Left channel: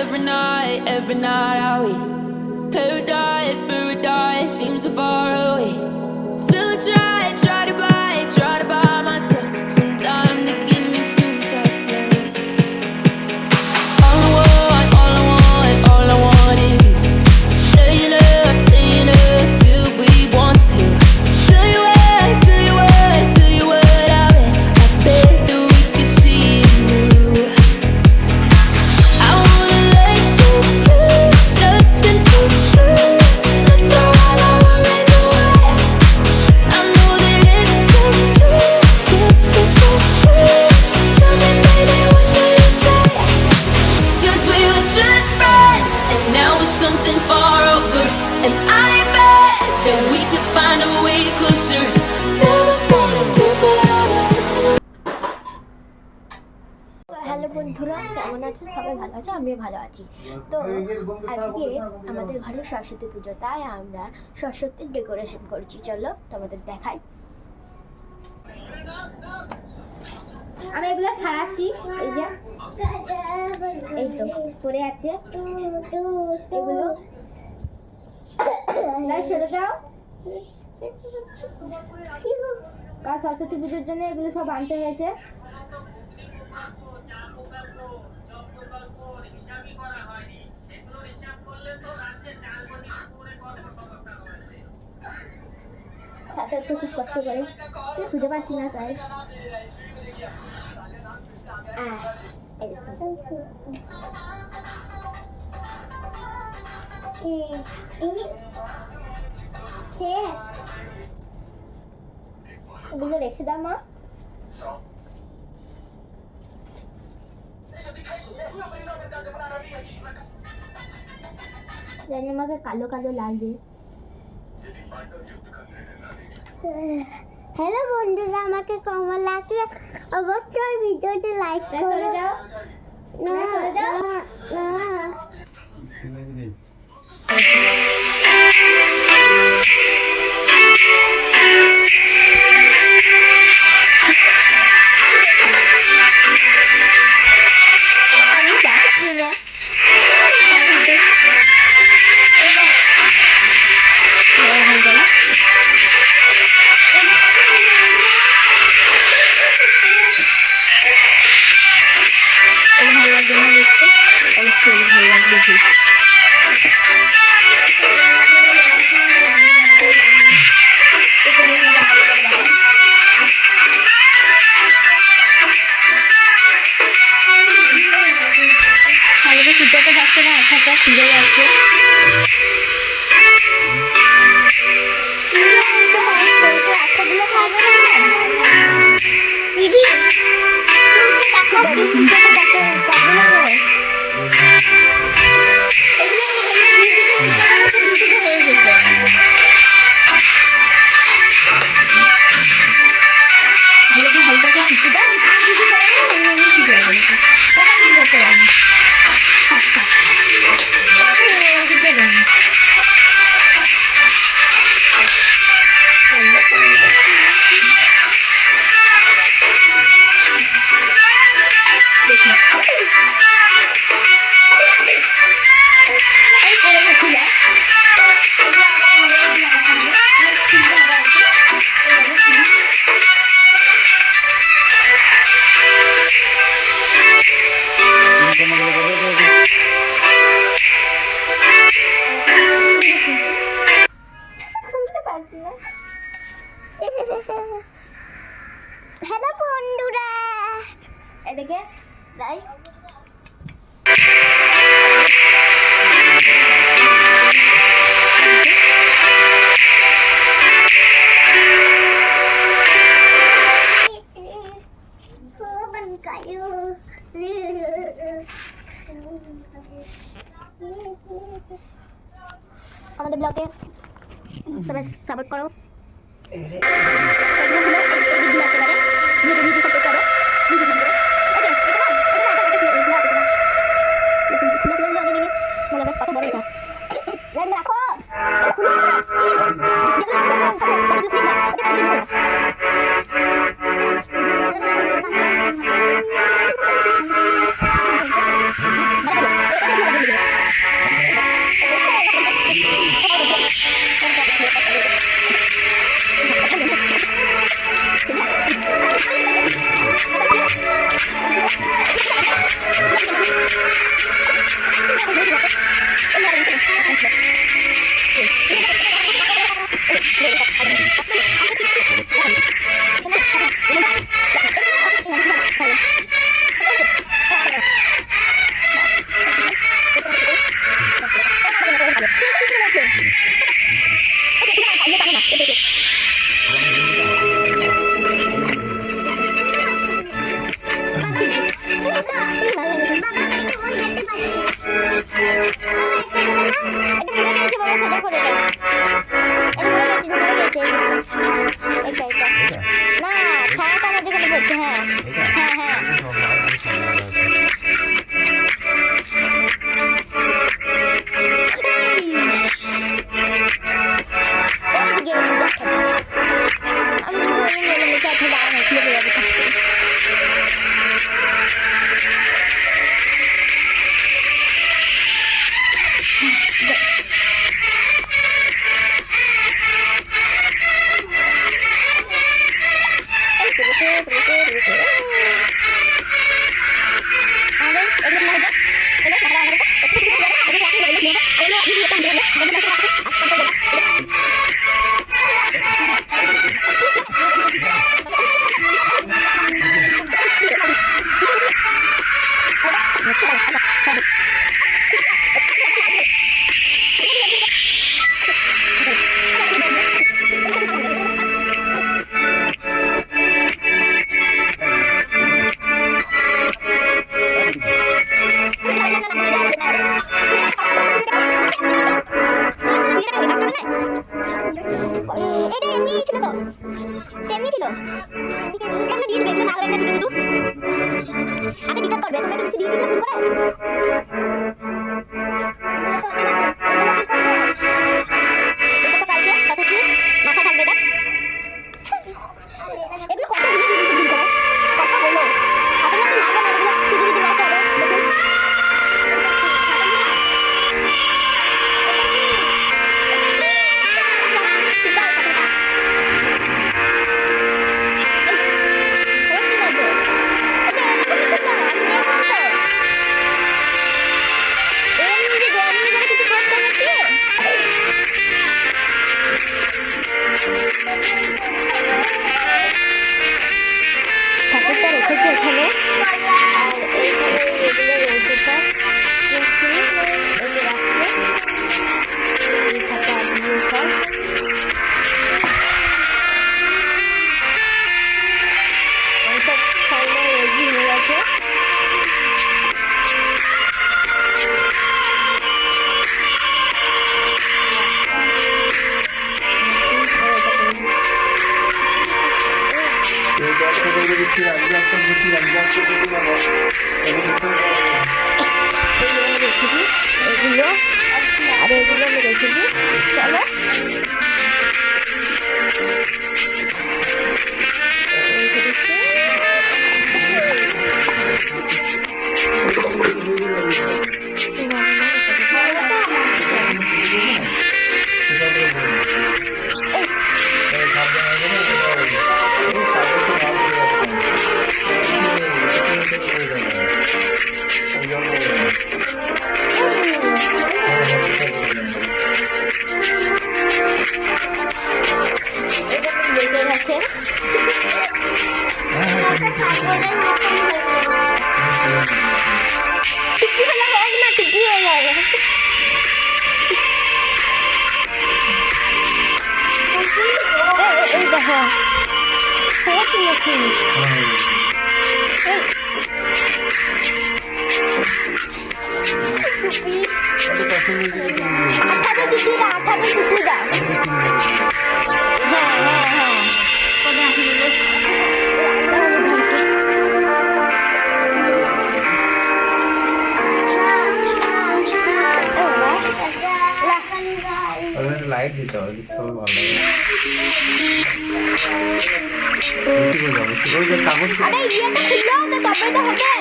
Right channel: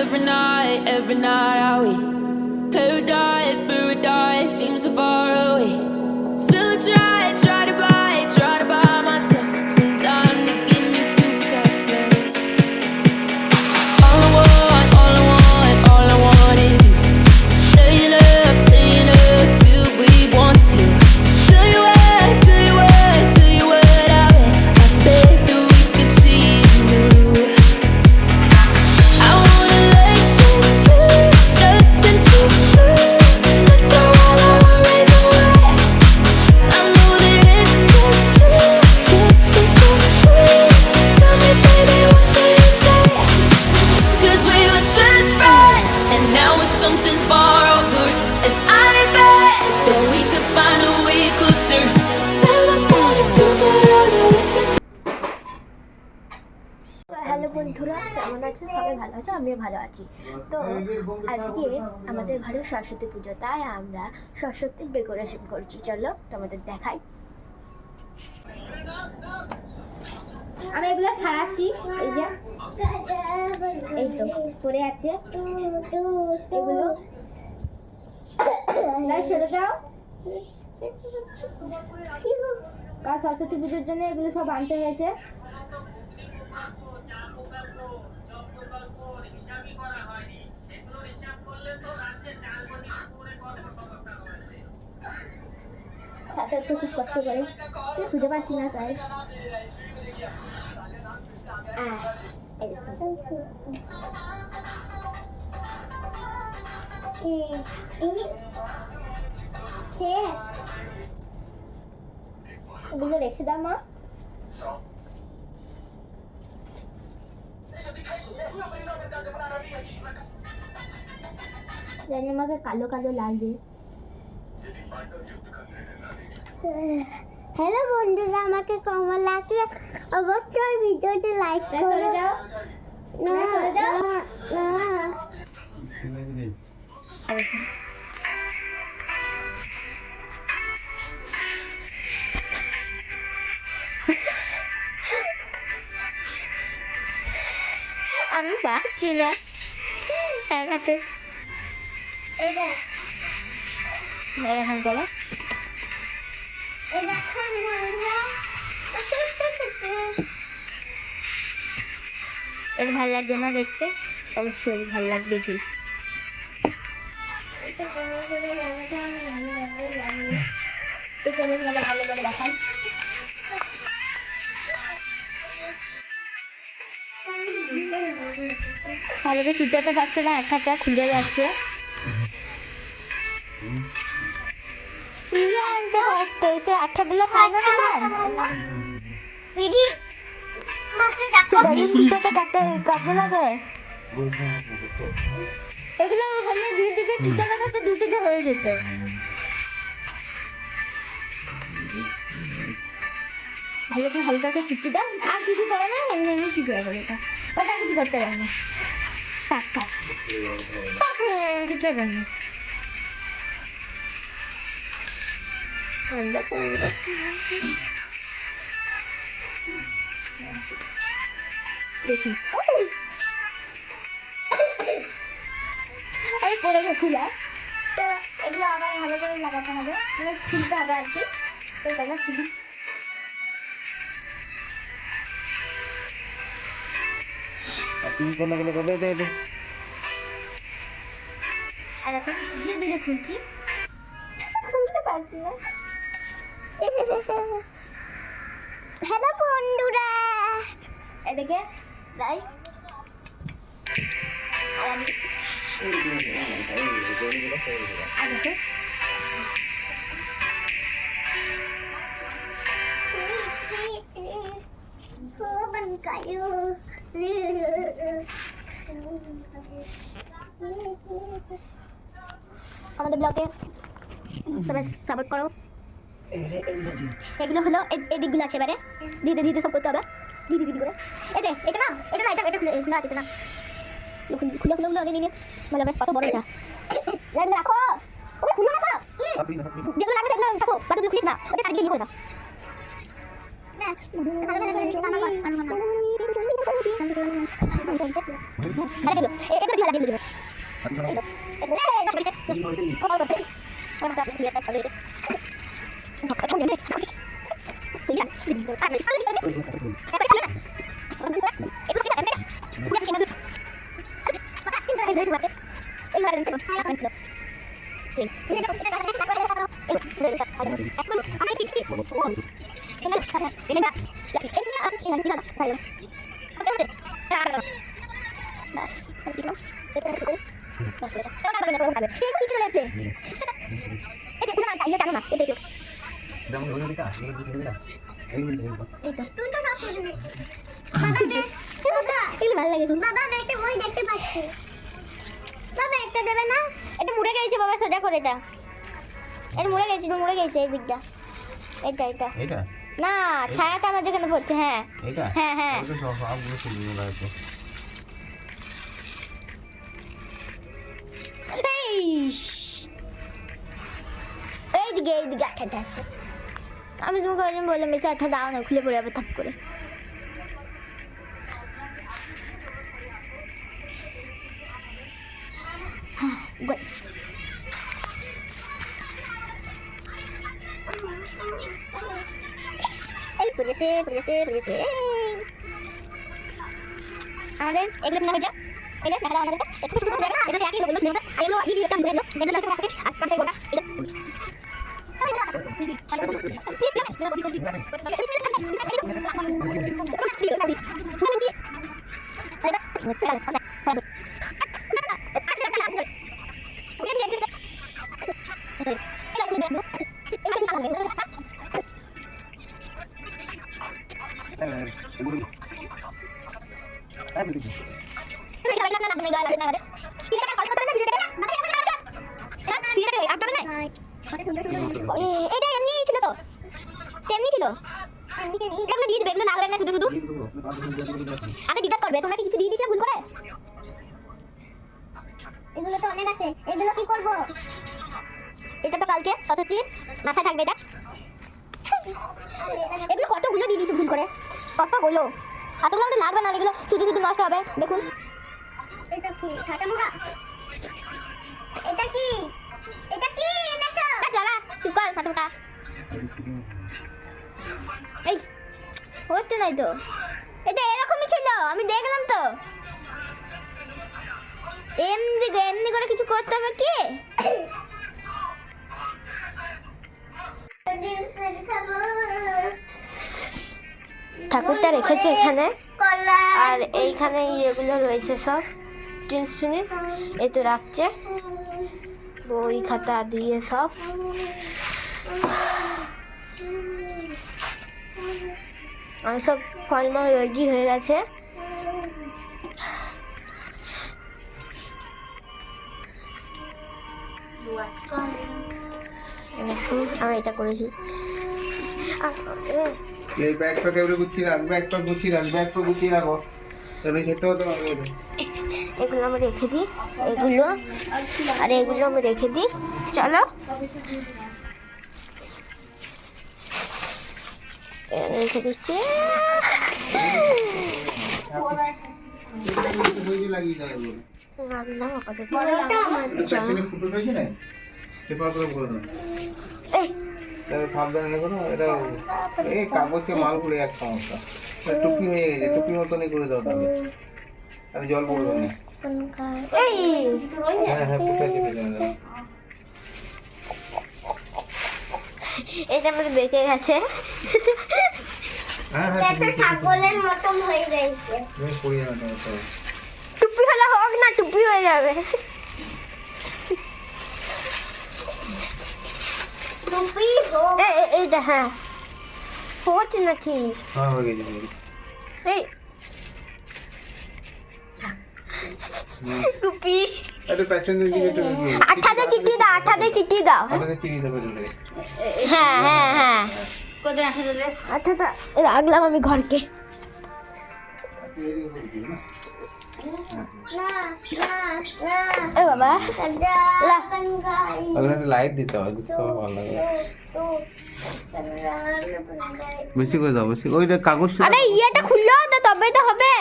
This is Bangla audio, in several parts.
every night are we paradise, paradise seems so far away. Still try to buy myself some time to get me to that place. All I want is you. Staying up till we want to. Tell you what I bet that we could see it new. I wanna let you do nothing to do. Let's throw all our worries away. I know that it takes two to get me confused. Tell me, baby, what do you say? 'Cause we were just friends, and now it's something far over. And I bet that we could find a way closer. Never wanted to, but I know listen. Hello বন্ধুরা, কেমন আছো? সবাই ভালো আছো? আমিও ভালো আছি। তো আজকে আমাদের ঘরে সরস্বতী পুজো, তাই আমরা সরস্বতীর ডেকোরেশন করছি। চলো তোমাদের দেখাই। আমি এগুলো ছাড়াচ্ছি, এই তো পড়ে আছে এগুলো। সরে যাও। কাল সরস্বতী পুজোর জন্য এগুলো সব আনতে হয়েছে। ছাতা হচ্ছে খুব কষ্ট করে, খুঁজে পাচ্ছি না তাই। এগুলো রেখে দাও মা। জানি আমাকে কালো কালো লাগবে। হ্যালো বন্ধুরা, আমাকে কেমন লাগছে অবশ্যই ভিডিওতে লাইক করে দাও। না আমি যাচ্ছি না। ভালো লাগবে না দেখতে? অবশ্যই ভালো লাগবে। ভালো করে খুঁজতে যাচ্ছে না, একটা খুঁজে যাচ্ছে। আচ্ছাগুলো খাবে না দিদি, এগুলো হয়ে যেত। ভালো করে খুঁজতে দাও, আর কিছু করে না, কি করে বলো তো? ওটা কিছু করতে পারি না। দেখি এই পরে গেছিল, এগুলো আবার ভালো করে লাগাতে হবে। খুলতে হবে আর কি। হ্যালো বন্ধুরা, এদিকে যাই। আমাদের ব্লগে সবাই সাপোর্ট করো। এগুলো হলো এই দিকগুলো আছে, এবারে ভিডিও সব করতে হবে। ভিডিও করে এই যে এটা খোলা আছে না, খুলে আগে নিয়ে ভালো হবে। কত বড় এটা, রাখো খুলে না, যেগুলো রাখো প্লিজ না, ওকে সাইড দিয়ে দিও না। বাবা একটা দেবে না? এটা মুড়ে গেছে বাবা, সোজা করে এটা। এটা মুড়ে গেছে এই দিকটা। এটা। এটা না, ছায়াটা আমার যেখানে পড়ছে, হ্যাঁ। এটা হ্যাঁ। এটা সব আর বেশি সুন্দর আছে। এইদিকে একটা আছে। আমি তোমাকে বললাম যে একটা দাঁড়ানো খুলে পড়ে যাবে থাকতে। আমাদের এগুলো না হয়ে যাক, এগুলো না হয়ে যাক, এটা এমনি ছিল তো, এমনি ছিল। এগুলো দিয়ে দেবে, এগুলো না করবে না শুধু আগে ডিকাট করবে। তোমরা তো কিছু দিয়ে দিয়েছো ভুল করে। এগুলো তো অনেক আছে, এগুলো কি করবো? এটা তো কালকে সরস্বতী মাথা থাকবে এটা। এগুলো কতগুলো দিয়ে দিয়েছো ভুল করে, কতগুলো। হাতের মধ্যে লাগবে না, এগুলো শুধু নষ্ট হবে। দেখুন আমি দেখলাম তো এমনি করে কিছু করতে হবে কি? ঠাকুরটা রেখেছে এখানে, আর এইখানে এগুলো রয়েছে সব জিনিস এতে রাখছে, ওই খাতা দিয়ে সব। সব ফলটা রেডি হয়ে গেছে। এটা করেছি এইটা একটা করে দিচ্ছি, রাখবো একটা দিচ্ছি, রাখবো একটা দিচ্ছি, রাখবো এটা করতে হবে। এগুলো আমি রেখেছি, এগুলো আর এগুলো আমি রেখেছি। চলো রেখে দিচ্ছি। এটা আমার বেঁচে গেছে। টুপি হলে হোক না, টুপি হয়ে যাবে। এই দেখো হচ্ছে নাকি টুপি। আঠাতে চুটি দাও, আঠাতে চুটি দাও। হ্যাঁ রাখলাম আমি ঘরকে। বাবা লাইট দিতে হবে, ভালো লাগে। ওই যে কাগজ, আরে ইয়েটা খুললো তো তবে তো হবে।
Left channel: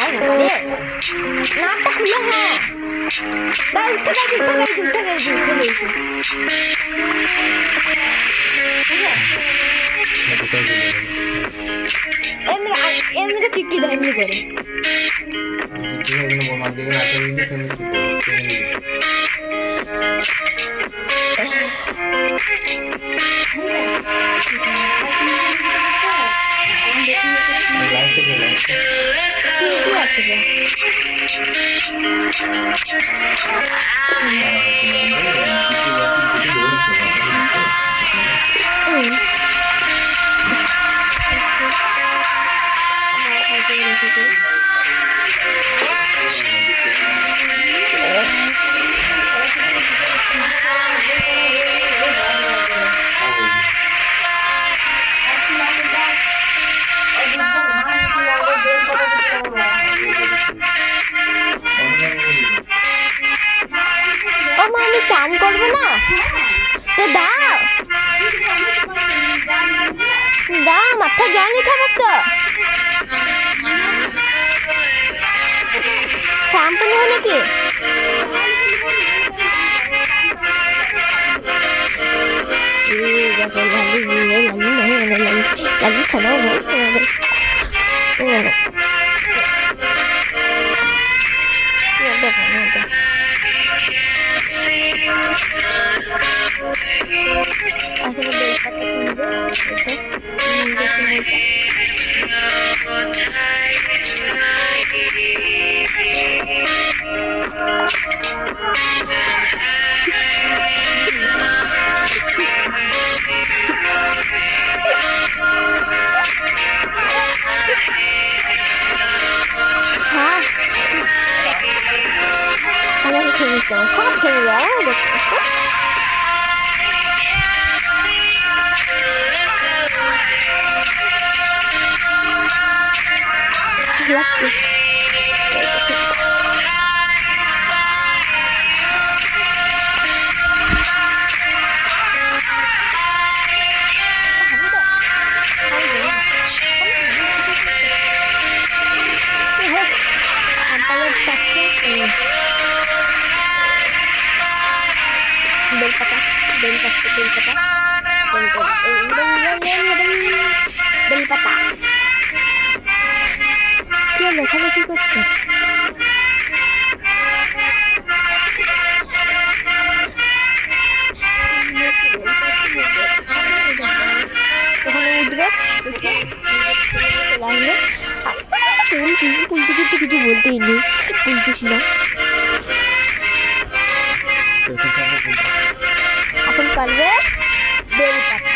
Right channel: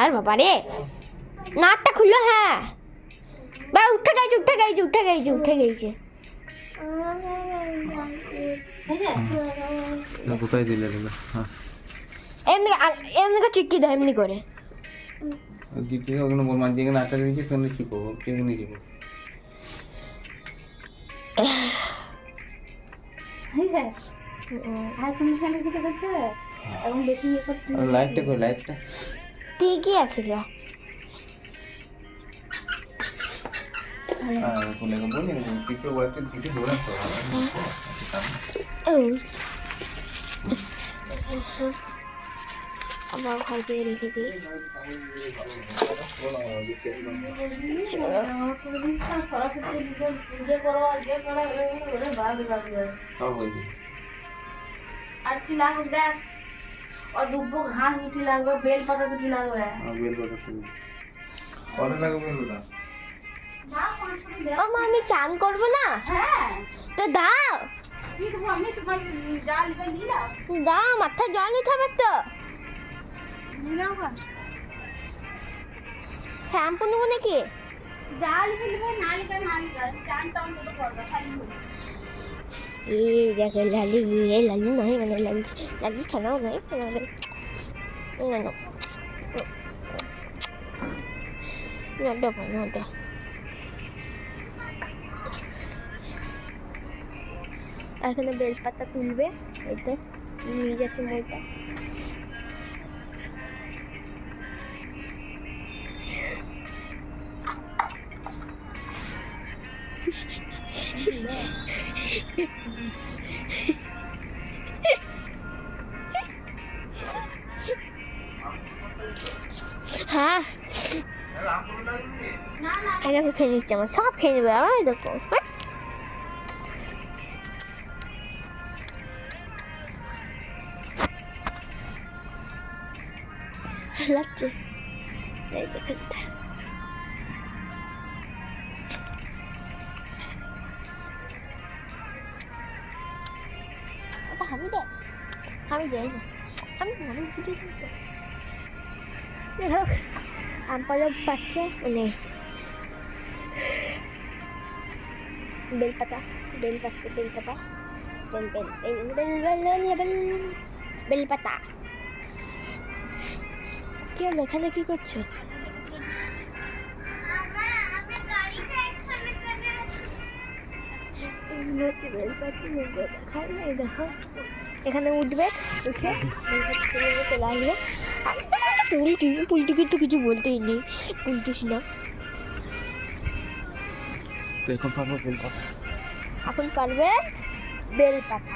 আর বাবারে নাটটা খুললো। হ্যাঁ বা উঠে গেছে। এমনি চিঠি দাও, এমনি করে কি আছে যা আমার খাইতে রেখেছি। ও মা আমি চান করবো না তো দাও দাও মাথা জল নিতে হবে তো শ্যাম্পু নেবো নাকি দেখো লালু লালু লালু লালু ছাড়াও এখনো বেলপাতা তুলবে এটা নিজেকে মেয়েটা হ্যাঁ আমি খেয়ে নিতে হবে সব খেয়ে নেবে দেখো লাগছে বেলপাতা বেলপাতা বেলপাতা বেলপাতা কি লেখালেখি করছে ওখানে উঠবে উঠে চলে আসবে পুলটি কিন্তু কিছু বলতেই নেই পুলটিস না এখন পারবে বেলপাতা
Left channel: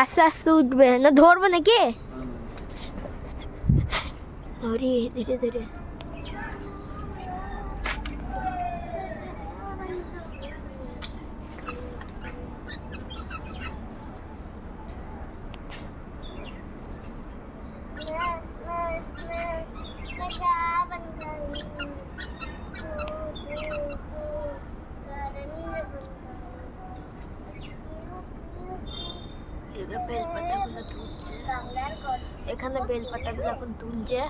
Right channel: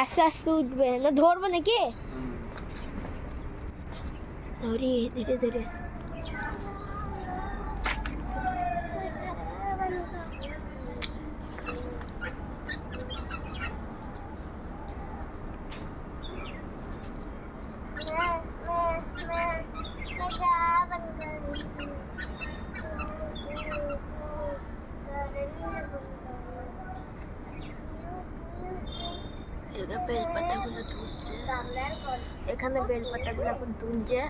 আস্তে আস্তে উঠবে না ধরবো নাকি ধরি ধীরে ধীরে বেলপাতাগুলো তুলছে এখানে বেলপাতাগুলো এখন তুলছে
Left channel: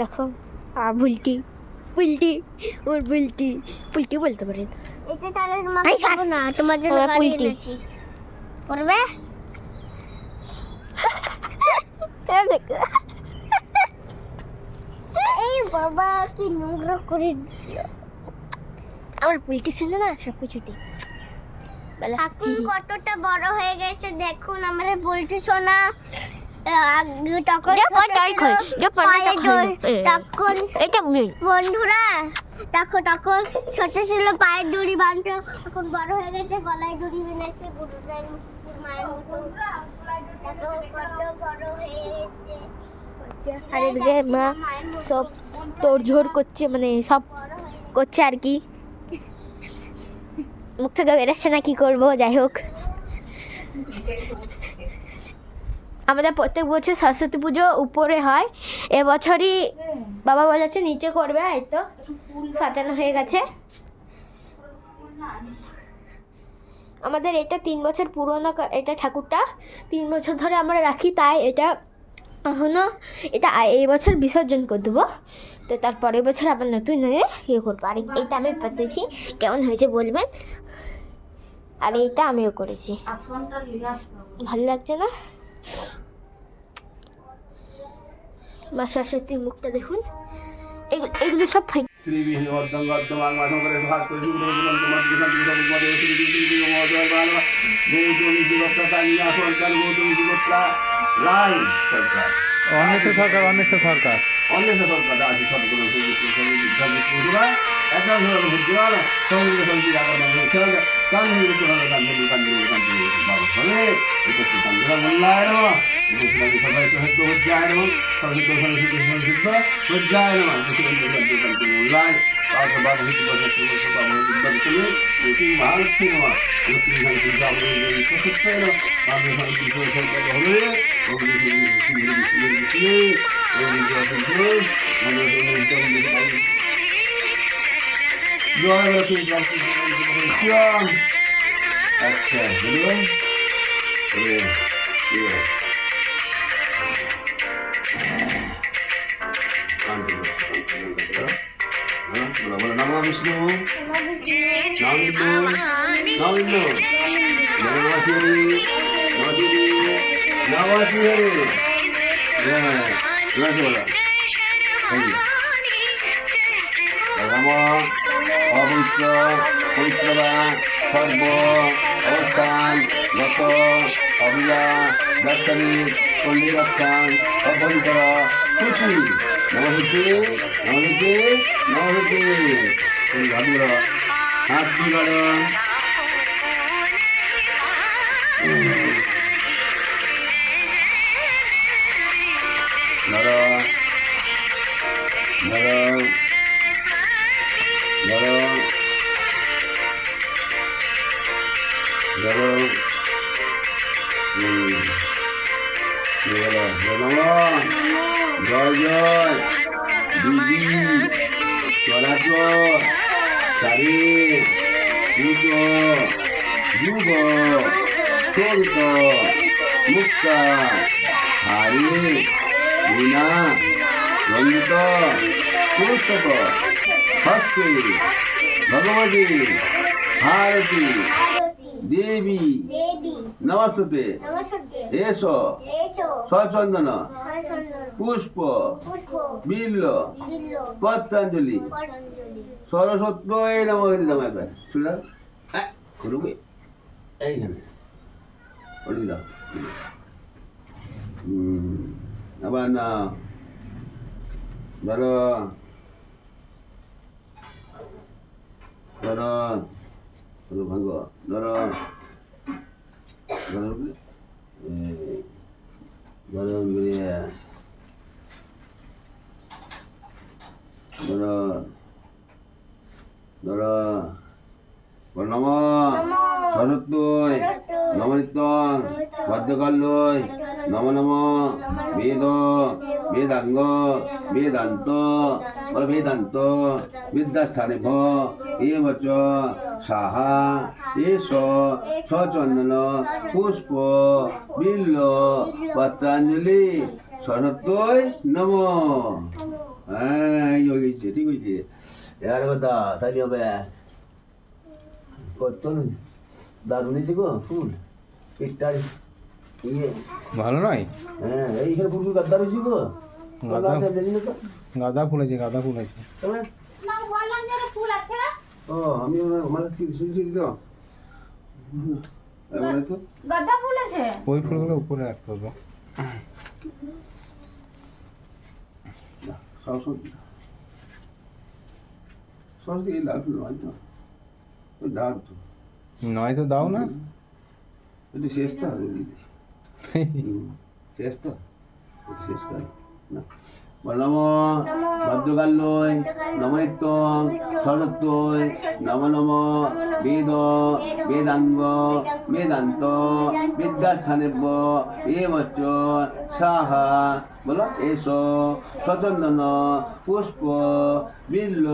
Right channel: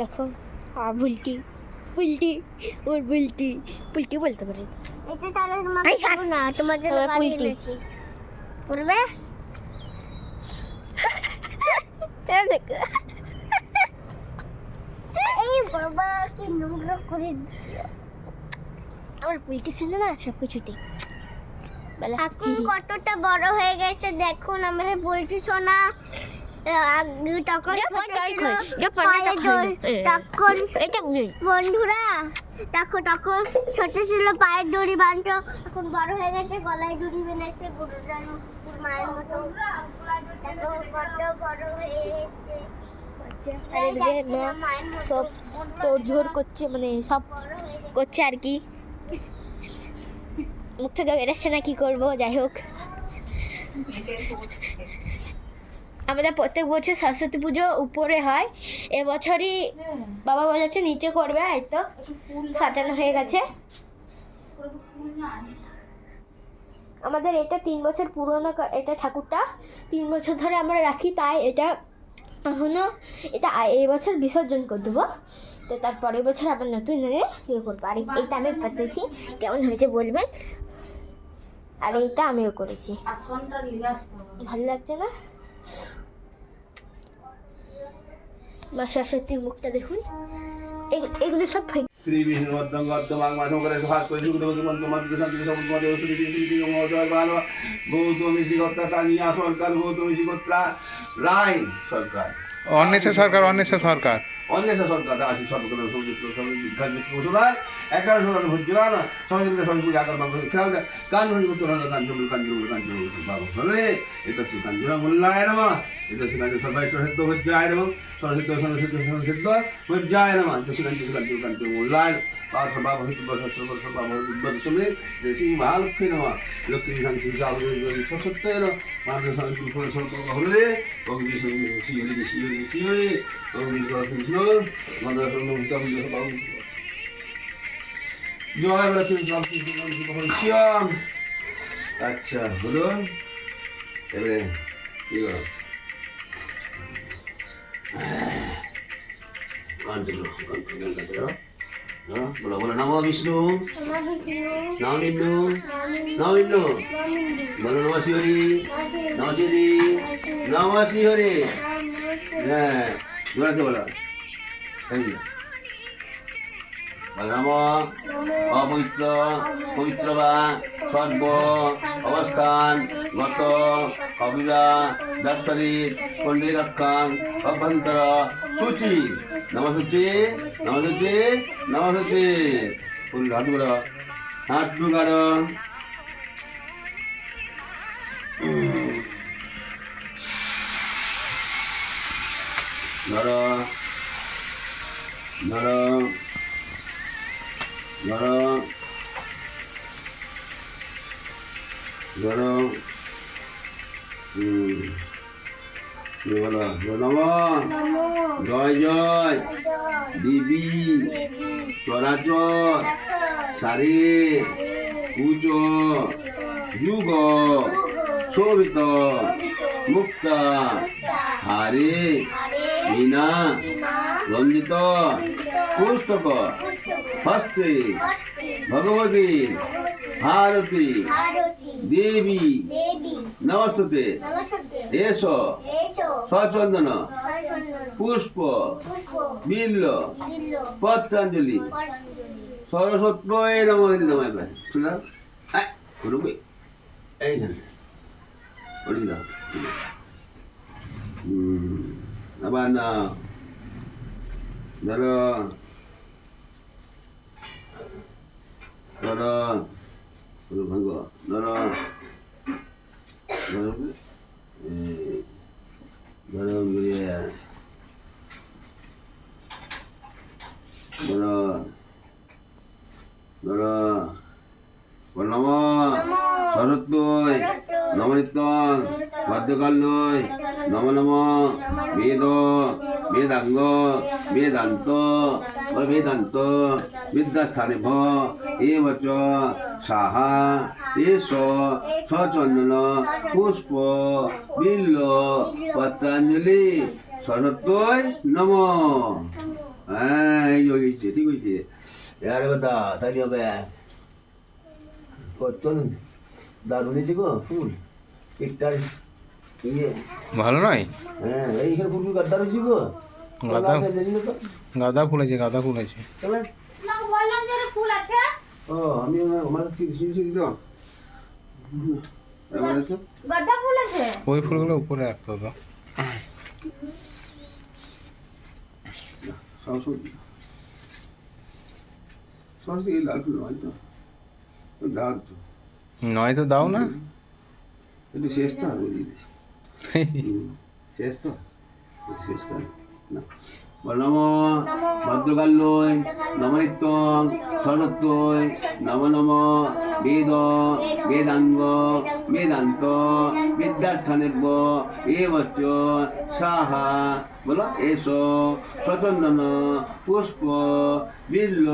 দেখো বুলটি বুলটি ওর বুলটি বুলটি বলতে পারে এটা তাহলে না তোমার জন্য বুলটি করবে দেখো এই বাবা কি নোংরা করে আমার বুলটি শুনে না সব কিছুতে এখন কতটা বড় হয়ে গেছে দেখুন আমাদের বুলটি সোনা বন্ধুরা দেখো তখন ছোট ছিল পায়ের দড়ি বাঁধতো এখন বড় হয়ে গেছে গলায় দড়ি বেঁধেছে গুরুদার মায়ের মতো দেখো কত বড় হয়ে গেছে সব তোড়ঝোড় করছে মানে সব করছে আর কি মুখ থেকে বেরোচ্ছে না কি করবো যাই হোক আমাদের প্রত্যেক বছর সরস্বতী পুজো উপরে হয় এবছরই বাবা বলেছে নিচে করবে এই তো সাজানো হয়ে গেছে আমাদের এটা 3 বছর পুরনো এটা ঠাকুরটা 3 বছর ধরে আমরা রাখি তাই এটা এখনো এটা এই বছর বিসর্জন করে দেবো তো তারপরের বছর আবার নতুন ইয়ে করবো আর এইটা আমি পেতেছি কেমন হয়েছে বলবেন আর এইটা আমিও করেছি ভালো লাগছে না মা সরস্বতীর মুখটা দেখুন এগুলো সব অন্বেষা সরকার অন্বেষা সরকার অন্বেষা সরকার আছে সবগুলো একটা ভর্তি হয় না সবাই সবাই কান্দুল তোরা কান্দুল বাবা বলে এটা কি কান্দুলা মোল্লায় নমঃ এটা কি কান্দুল সবাই সহিত হজ্জায় নমঃ সহিত হজ্জায় নমঃ কান্দুল মোল্লায় তারপর বাবা হইতে বসে বাবা বিদ্যার চলে দেখি মহালক্ষ্মী নমঃ লক্ষ্মী শান্তি যাবে এই সত্য এলো কান্দুল শান্তি সত্য হলে ওই আচ্ছা বলুন বলো নমো বিষ্ণু নামিন্দু নামিন্দু বলো নমঃ শিবরি নমঃ শিবরি নমঃ শিবরি হ্যাঁ বলো রাম অপবিত্র পবিত্রতা সর্ব অবস্থান গত অবিয়া দার্শনিক পণ্ডিতান অভ্যন্তর সূচি নমস্তি নমস্তি নমস্তি ভাদুর হাত বিগাড় নর নর জয় জয় দিদি চলাচল সারি পুজো যুগ চরিত মুক্ত হারি বিনা রঞ্জিত পুস্তক হস্তে ভগবতী ভারতী দেবী নমস্তে এস সচন্দন পুষ্প বিল্ল পত্রাঞ্জলি সরস্বতী নমস্তে নমঃ করবে এইখানে আবার না ধরো ধরো ভাঙ্গ ধরো ধরো ধরো ধরো ধরো নম সরস্বতী নমনিত্যং ভদ্রকাল্যই নম নম বেদ বেদাঙ্গ বেদান্ত বেদান্ত বিদ্যাস্থানে ভ এবচ সাহা এস সচন্দন পুষ্প বিল্ল পত্রাঞ্জলি সরস্বতী নম। হ্যাঁ এই হয়েছে ঠিক হয়েছে এবারে কথা তাই হবে চলুন দারুণ হয়েছে গো ফুল একটার ইয়ে ভালো নয়? হ্যাঁ এইখানে ফুল গাদ্দার হয়েছে গো গাঁদা ফুল আছে গাঁদা ফুল আছে ও আমি আমার গাঁদা ফুল আছে ওই ফুলগুলো উপরে রাখতে হবে সরস্বতী সরস্বতী এই লাল ফুল নয় তো দাও তো নয় তো দাও না একটু শেষ তো শেষ তো শেষ কর না নম ভদ্রকাল্যই নমনিত্যং সরস্বতী নম নম বেদ বেদাঙ্গ বেদান্ত বিদ্যাস্থানেব এবচ সাহা বলো এস সচন্দন পুষ্প বিল্ল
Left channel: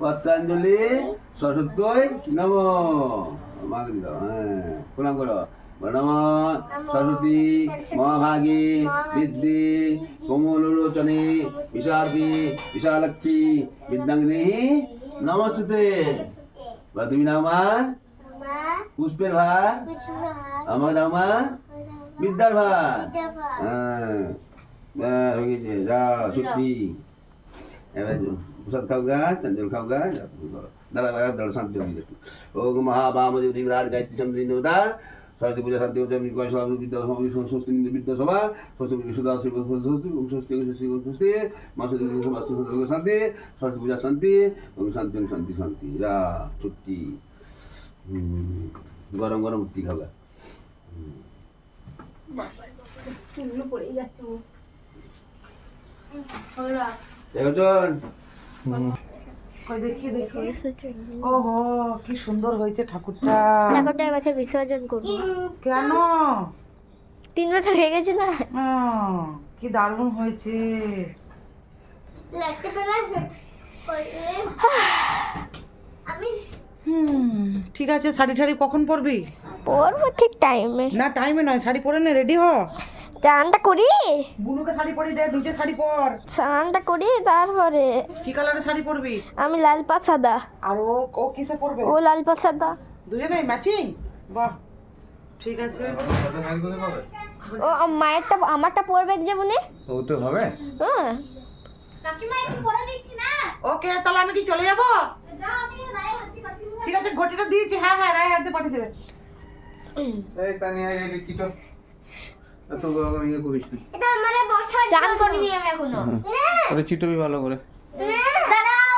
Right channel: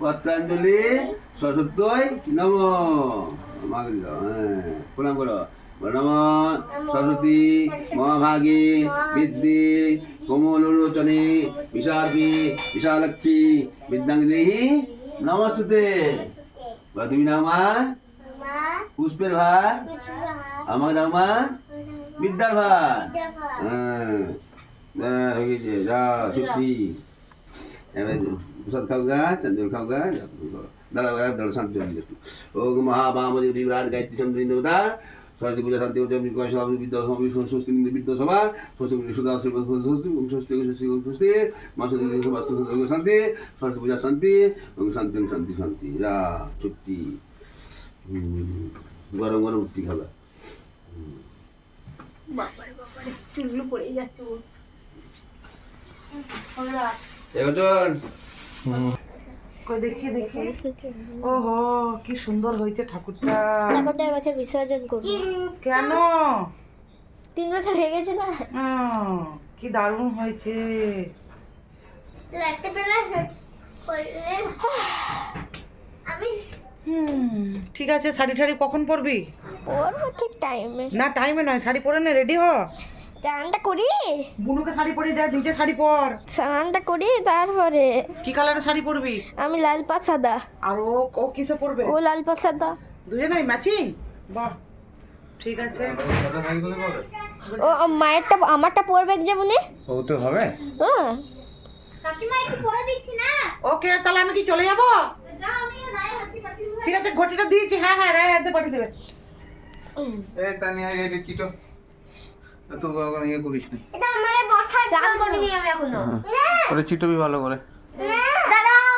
পত্রাঞ্জলি সরস্বতী নম মাকে দিল হ্যাঁ প্রণাম করো নম সরস্বতী মহাভাগে বিদ্যে কোমলোচনে বিশাখী বিশালক্ষী বিদ্যাঙ্গদেহি নমস্তুতে তুমি নাও মা পুষ্পের ভার আমাকে দাও মা বিদ্যার ভার হ্যাঁ হয়ে গেছে যাও সত্যি এবার প্রসাদ খাও গা চন্দন খাও গা দাদা দাদা শান্তি ও মহাবামদেব বিরাট গায়ত্রী চন্দ্রী দেবতা সরস্বতী পূজা শান্তি বিদ্যা স্বস্তি বিদ্যা সভা স্বস্তি সুদা স্বস্তি স্বস্তি স্বস্তি মা সরস্বতী শান্তি সরস্বতী পূজা শান্তি শান্তি শান্তি শান্তি যা ছুটি গরম গরম রুটি খাবে। দেখি ওহো কি সুন্দর হয়েছে ঠাকুরটা। ঠাকুরটা এবছর বিসর্জন করবো। কেন? 3 বছর হয়ে গেছে না। কি দারুণ হয়েছে। ঠিক আছে, শাড়ি ঠাড়ি কখন পরবি? পরবো ঠিক টাইমে। না টাইমে নয়, শাড়ি পরে নে, রেডি হ। স্নানটা করি, বুনুকে শাড়ি পরিয়ে দে, নিজে শাড়ি পর। স্নানটা করি তারপরে। কি কালারের শাড়ি পরবি? আমি লাল পা সাদা, আর ও কিসে পরবে? ও লাল পা সাদা। দুজনেই ম্যাচিং? বাহ, ঠিক আছে। ও মায়েরটা আমারটা পরবে যে বলে। ও তো হবে। হ্যাঁ ওকে, তাহলে আমি কি চলে যাবো? ঠিক আছে, ঘটিটা দিয়েছি। হ্যাঁ হ্যাঁ, রায় হাতে পাঠিয়ে দেবে। এই তানিয়া এই চিটো তো ইয়ে করিস না। চান করিনি আমি এখনো। ওরে চিটোবি ভালো করে। দাঁড়াও,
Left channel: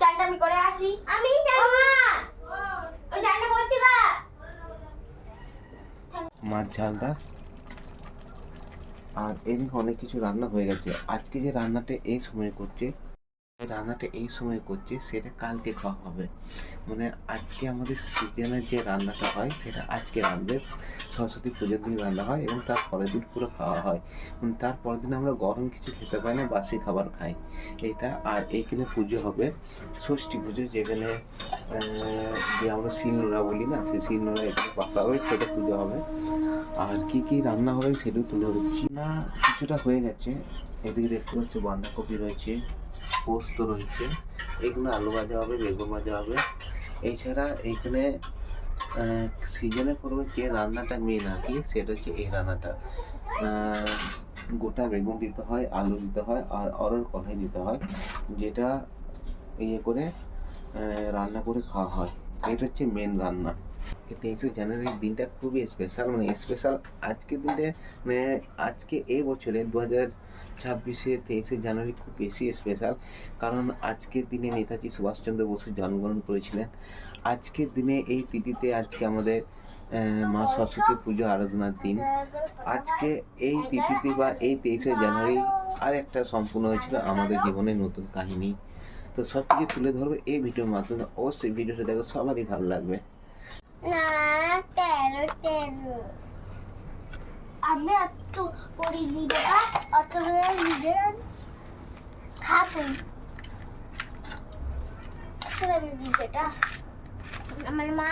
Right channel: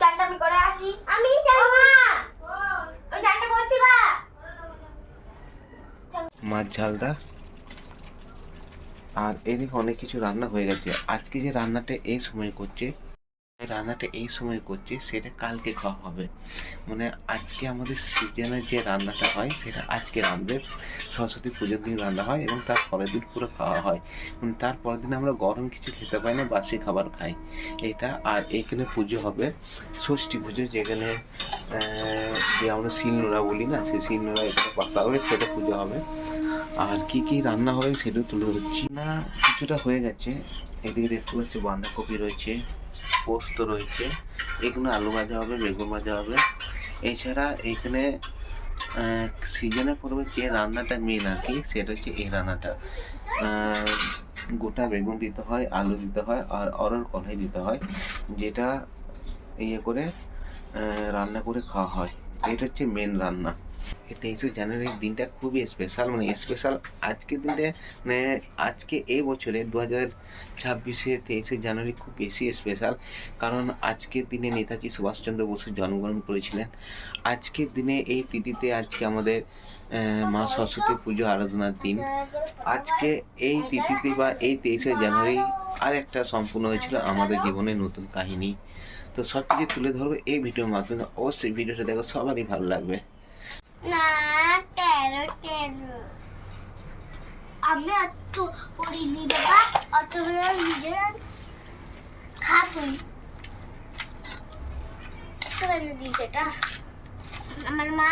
চানটা আমি করে আসি। আমি যাবো না, ওই চানটা করছি গা। মাছ ঝালটা আর এদিকে অনেক কিছু রান্না হয়ে গেছে। আজকে যে রান্নাটা এই সময় করছে, সেটা কালকে খাওয়া হবে। মানে আজকে আমাদের সিজনের যে রান্নাটা হয় সেটা আজকে রাঁধবে। সরস্বতী পুজোর দিন রান্না হয় এবং তার পরের দিন পুরো খাওয়া হয়। তার পরের দিন আমরা গরম কিছু খেতে পাই না, বাসি খাবার খাই এটা। আর এইখানে পুজো হবে ষষ্ঠী পুজো, যেখানে যে আমরা শিলনোড়া বলি না, সেই শিলনোড়া এখানে পাতা হবে, সেটা পুজো হবে। আর কি কি রান্না হবে সেটাও তুলে ধরছি না। কিছুটা হয়ে গেছে। এদিকে দেখতে পাচ্ছি বাঁধাকপি রয়েছে, পোস্ত রয়েছে, এখানে আলু ভাজা হবে, বেগুন ভাজা হবে। এছাড়া এখানে সিজনে পড়বে যে রান্নাটা মেন আর কি, সেটা হচ্ছে এই রান্নাটা। গোটা বেগুন দিতে হয়, আলু দিতে হয়, আর অরল কলাই দিতে হয়, যেটা ইয়ে করে রান্না করে খাওয়া হয়। এটা হচ্ছে মেন রান্না। 23শে জানুয়ারির দিনটা খুবই স্পেশাল, মানে স্পেশাল আজকের দিনে, মানে আজকে এই বছরে 2026-এ 23শে জানুয়ারি খুব বেশি স্পেশাল। কারণ আজকের দিনে নেতাজি সুভাষচন্দ্র বসু জন্মগ্রহণ করেছিলেন। আজকের দিনে এই তিথিতে আজকে আমাদের মা সরস্বতী পুজো আরাধনার দিন। আজকে এই তিথিতে বা এই 23শে জানুয়ারি আর একটা সম্পূর্ণ হয়েছিল আমাদের জীবনের নতুন কাহিনী। তো সব কিছু তুলে ধরবো এই ভিডিওর মাধ্যমে। অবশ্যই ভিডিওটা দেখো, সবারই ভালো লাগবে। না আমি অত পড়িনি বাবা, অত নিজের খাবো। দিয়েছেটা আমার মা,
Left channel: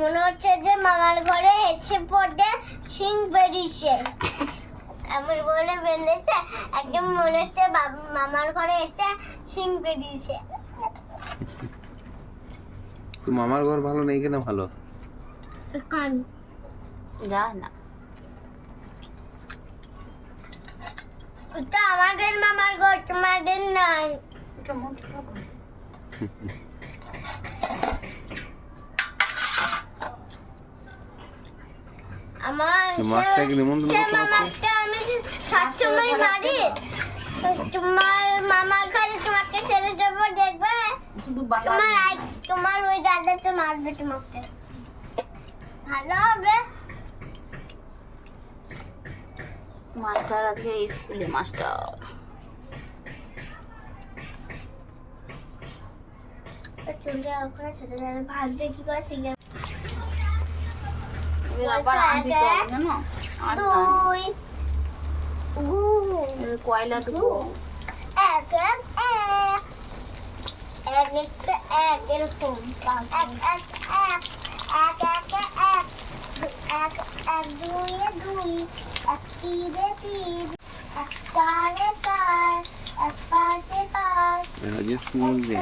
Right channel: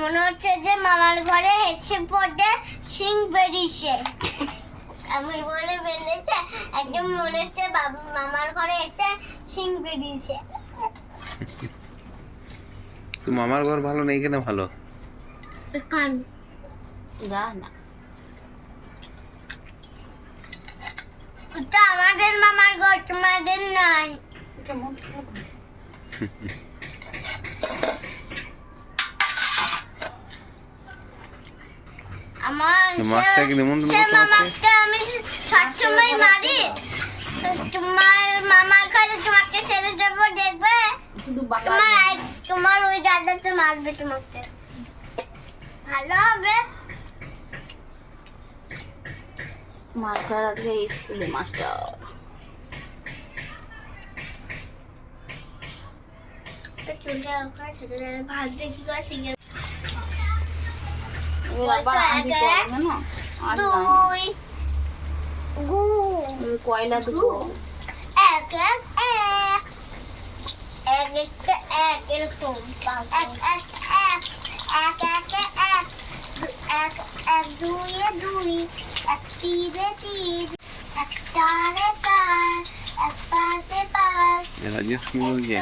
মনে হচ্ছে যে মামার ঘরে এসে পড়ে সিং বেরিয়েছে, আমার ঘরে বেরিয়েছে একদম, মনে হচ্ছে মামার ঘরে এসে সিং বেরিয়েছে। তো মামার ঘর ভালো নেই কেন? ভালো কান যা না, ওটা আমাদের মামার ঘর, তোমাদের নয়। আমার মাছটা কি নিমন্ত্রণ করতে আসছে? আমি সবসময় মারি, তোমার মামার ঘরে তোমাকে ছেড়ে যাবো, দেখবে তোমার ওই দাদাটা মারবে তোমাকে, ভালো হবে। মাস্টার আজকে স্কুলে মাস্টার। ভাজবে কি করে শিখে? কয়লা দেবো এক এক এক এক এক এরকম এক এক এক এক এক এক এক এক দুইয়ে দুই, এক তিনে তিন, এক চারে চার, এক পাঁচে পাঁচ। রাজেশ কি বলছে?